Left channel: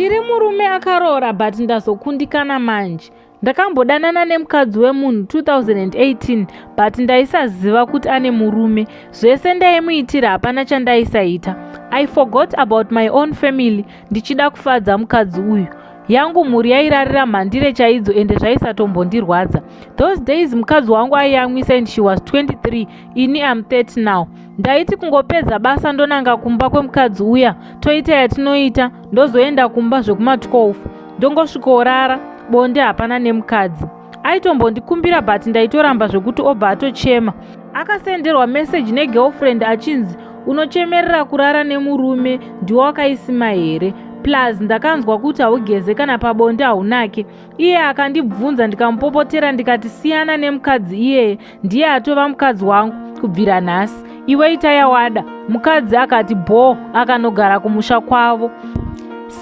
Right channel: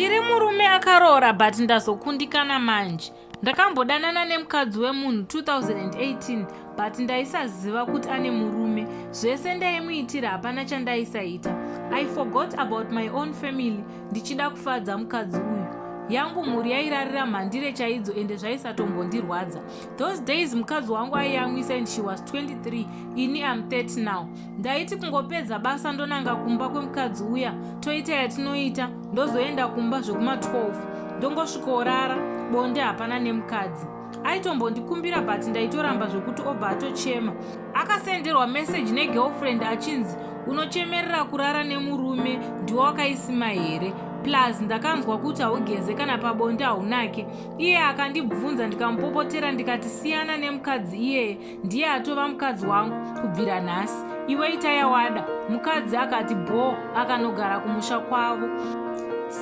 Ndiri murume akaroora but ndazokundikana manje. Ndakambodanana nemukadzi wemunhu 2018 but ndaisaziva kuti ane murume. Zvese ndaimuitira hapana chandaisaita. I forgot about my own family ndichida kufadza mukadzi uyu. Yangu mhuri yairarira mhandire chaidzo ende zvaisatombondirwadza. Those days mukadzi wangu aiyamwisa and she was 23, ini am 30 now. Ndaiti kungopedza basa ndonanga kumba kwemukadzi uya, toita yatinoita, ndozoenda kumba zvekuma 12, ndongosvikorara, bonde hapana nemukadzi. Aitombondikumbira but ndaitoramba zvekuti obva atochema. Akasenderwa message negirlfriend achinzi, unochemerera kurara nemurume, ndiwo wakaisima here? Plus ndakanzwa kuti haugeze kana pabonde haunake. Iye akandibvunza ndikamupopotera ndikati siyana nemukadzi iyeye, ndiye atova mukadzi wangu kubvira nhasi. Iwe ita wada. Mukadzi akati bho, akanogara kumusha kwavo.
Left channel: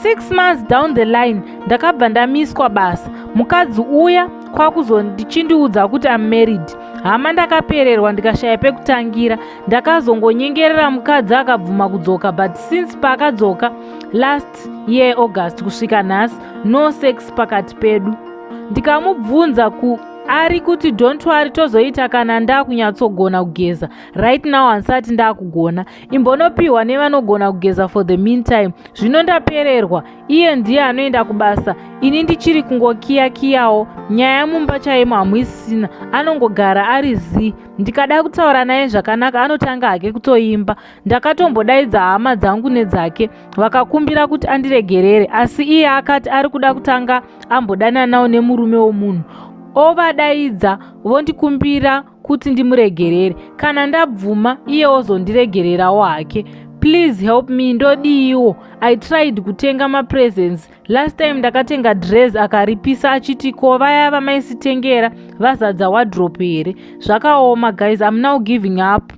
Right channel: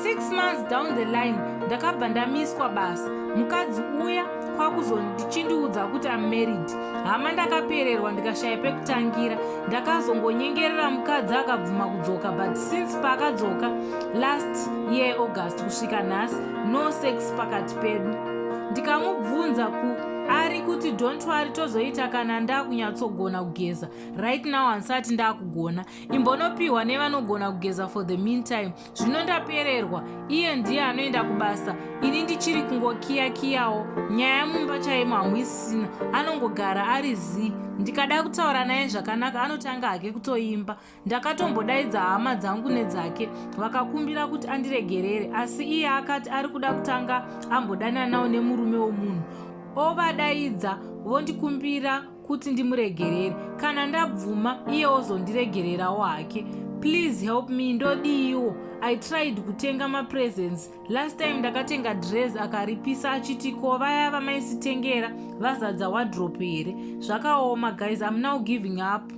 6 months down the line ndakabva ndamiswa basa. Mukadzi uya kwakuzondichindiudza kuti am married. Hama ndakapererwa ndikashaya pekutangira. Ndakazongonyengerera mukadzi akabvuma kudzoka but since paakadzoka last year August kusvika nhasi no sex pakati pedu. Ndikamubvunza ari kuti don't worry tozoita kana ndakunyatsogona kugeza. Right now hansati ndakugona. Imbonopiwa nevanogona kugeza for the meantime. Zvino ndapererwa. Iye ndiye anoenda kubasa. Ini ndichiri kungokiyakiyawo. Nyaya mumba chaimo hamuisina. Anongogara ari zi. Ndikada kutaura naye zvakanaka anotanga hake kutoimba. Ndakatombodaidza hama dzangu nedzake. Vakakumbira kuti andiregerere. Asi iye akati ari kuda kutanga ambodana nawo nemurume womunhu. Ovadaidza vondikumbira kuti ndimuregerere. Kana ndabvuma iye ozondiregererawo hake. Please help me, ndodiiwo. I tried kutenga mapresents. Last time ndakatenga dress akaripisa achiti ko vaya vamaisitengera vazadza wardrobe here. Zvakaoma guys, I'm now giving up.